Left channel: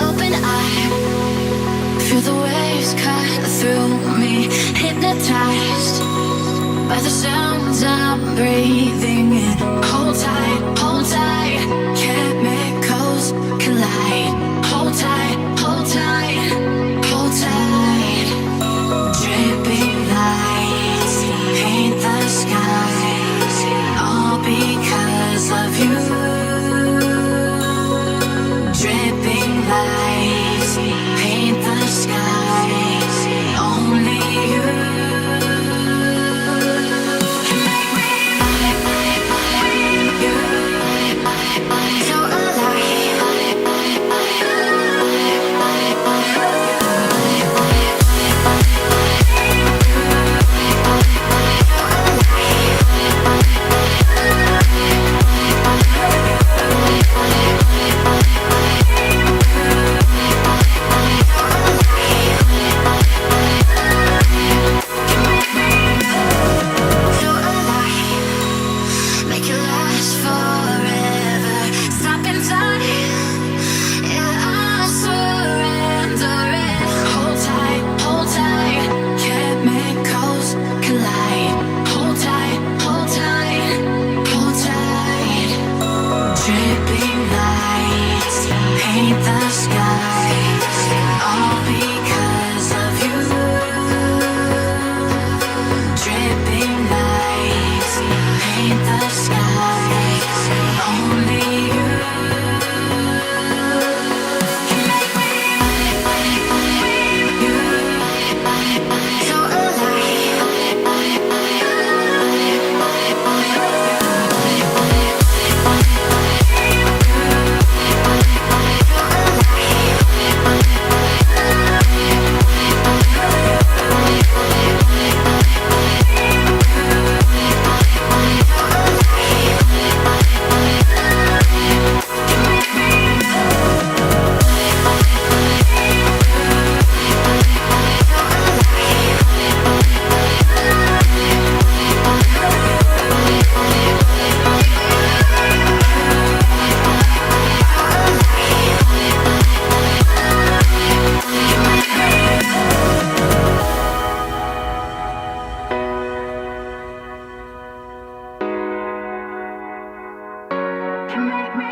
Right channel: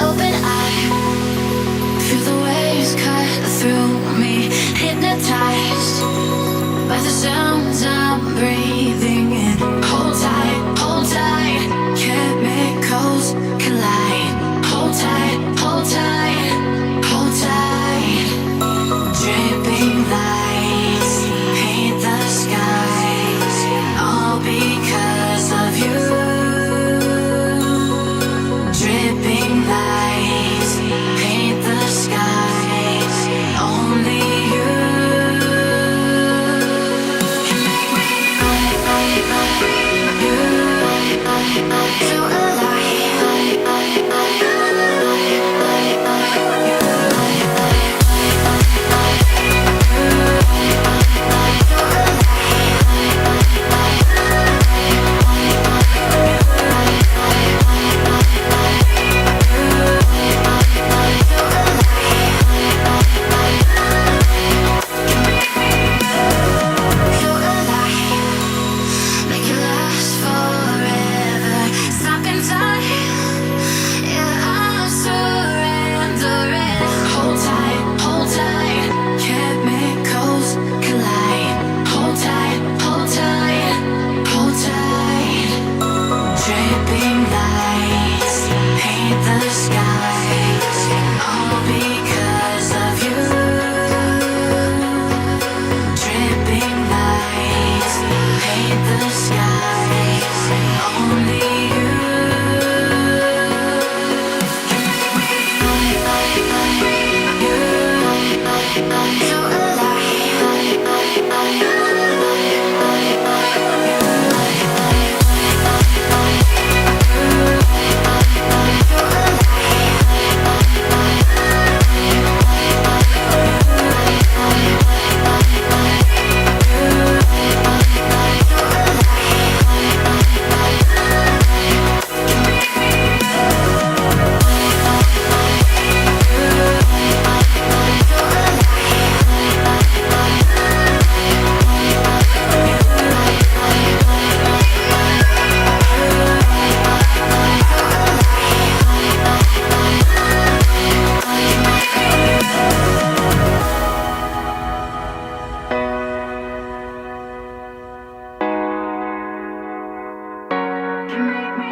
Open eye, feel the waves cut through me, hypnotized by the sounds I'm breathing in. Hold tight, chemicals collide. Hold tight, hold tight, hold tight. Dripping lights paint the skies, all because of you. Dripping lights paint the skies, only you. So make it last forever. Stop in time. Yeah, I'm surrendering. Hold tight, chemicals collide. Hold tight, hold tight, hold tight. Dripping lights paint the skies, all because of you. Dripping lights paint the skies, only you. So you make me